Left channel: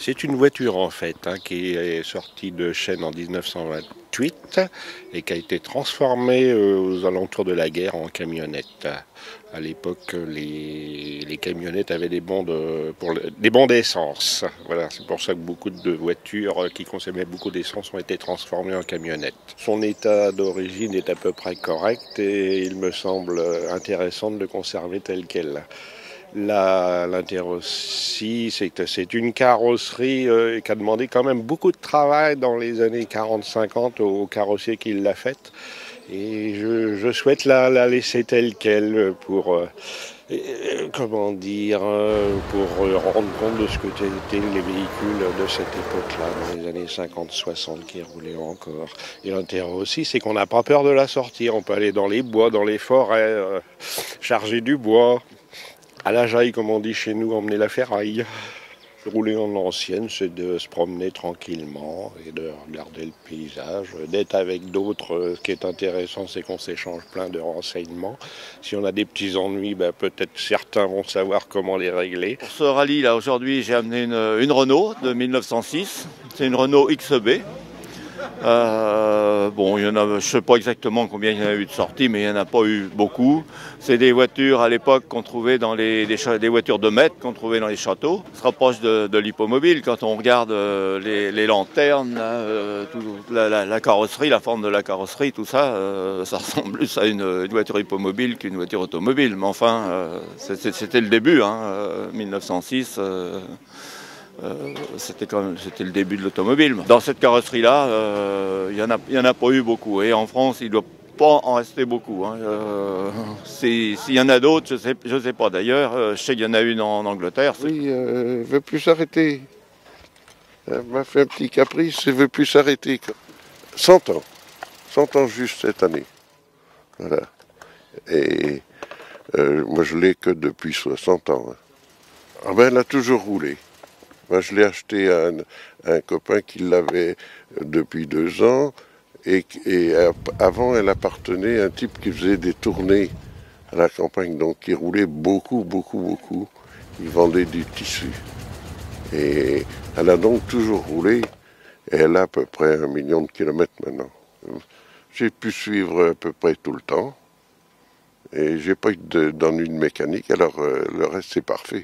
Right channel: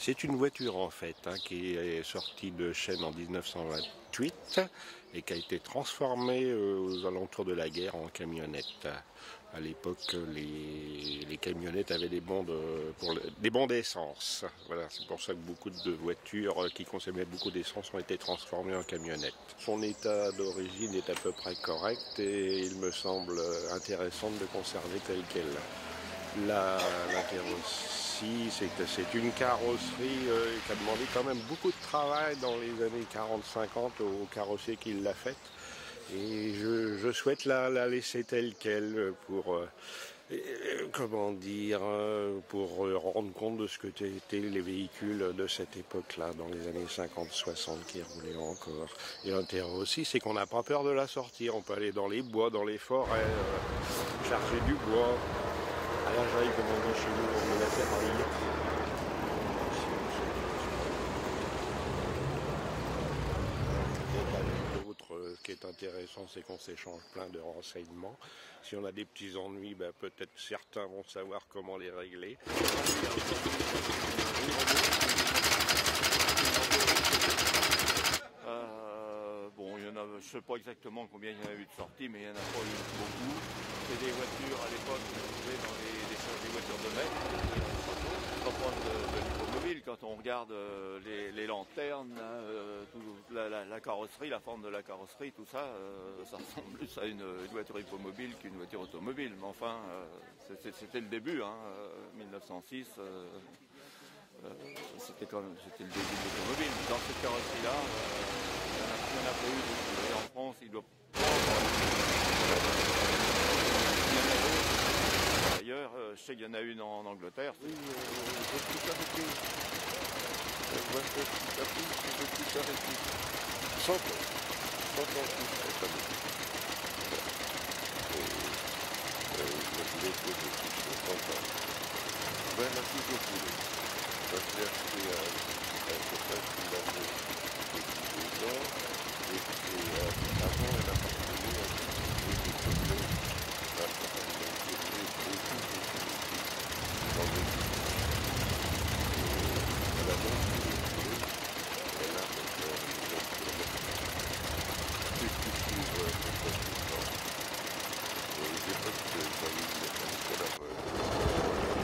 C'est une voiture en fait qui est sortie de chaîne en 1928 et qui a été transformée aux alentours de la guerre en camionnette. À l'époque, les camionnettes avaient des bons d'essence. Voilà, c'est pour ça que beaucoup de voitures qui consommaient beaucoup d'essence ont été transformées en camionnettes. Son état d'origine est à peu près correct et il me semble intéressant de le conserver tel quel. L'intérêt aussi, c'est une carrosserie qui a demandé quand même beaucoup de travail dans les années 40-50 au carrossier qui l'a faite. Et je souhaite la laisser telle qu'elle comment dire, pour rendre compte de ce que étaient les véhicules de cette époque-là, dans les années 50-60 qui roulaient encore. Et l'intérêt aussi, c'est qu'on n'a pas peur de la sortir. On peut aller dans les bois, dans les forêts, charger du bois. À la jaille, comme on dit chez nous, emmener la ferraille. Rouler en ancienne, c'est de se promener tranquillement, et de regarder le paysage, d'être avec d'autres. Ce qui est intéressant, c'est qu'on s'échange plein de renseignements. Si on a des petits ennuis, peut-être certains vont savoir comment les régler. Pour ce rallye là aujourd'hui j'ai amené une Renault de 1906, c'est une Renault XB. Bon, je ne sais pas exactement combien il y en a eu de sorties, mais il n'y en a pas eu beaucoup. C'est des voitures à l'époque qu'on trouvait dans des voitures de maître qu'on trouvait dans les châteaux. Ça se rapproche de l'hippomobile quand on regarde les lanternes, la carrosserie, la forme de la carrosserie, tout ça, ça ressemble plus à une voiture hippomobile qu'une voiture automobile. Mais enfin, c'était le début, 1906. C'était le début de l'automobile. Dans cette carrosserie-là, il y en a pas eu beaucoup. Et en France, il ne doit pas en rester beaucoup. S'il y en a d'autres, je ne sais pas. D'ailleurs, je sais qu'il y en a une en Angleterre. Oui, elle ne veut plus s'arrêter. Elle m'a fait un petit caprice, elle ne veut plus s'arrêter. 100 ans. 100 ans juste cette année. Voilà. Et moi, je l'ai que depuis 60 ans. Ah ben, elle a toujours roulé. Moi, je l'ai acheté à un copain qui l'avait depuis 2 ans. Et avant, elle appartenait à un type qui faisait des tournées à la campagne, donc il roulait beaucoup, beaucoup, beaucoup. Il vendait du tissu. Et elle a donc toujours roulé, et elle a à peu près 1 million de kilomètres maintenant. J'ai pu suivre à peu près tout le temps, et j'ai pas eu d'ennui de mécanique, alors le reste c'est parfait.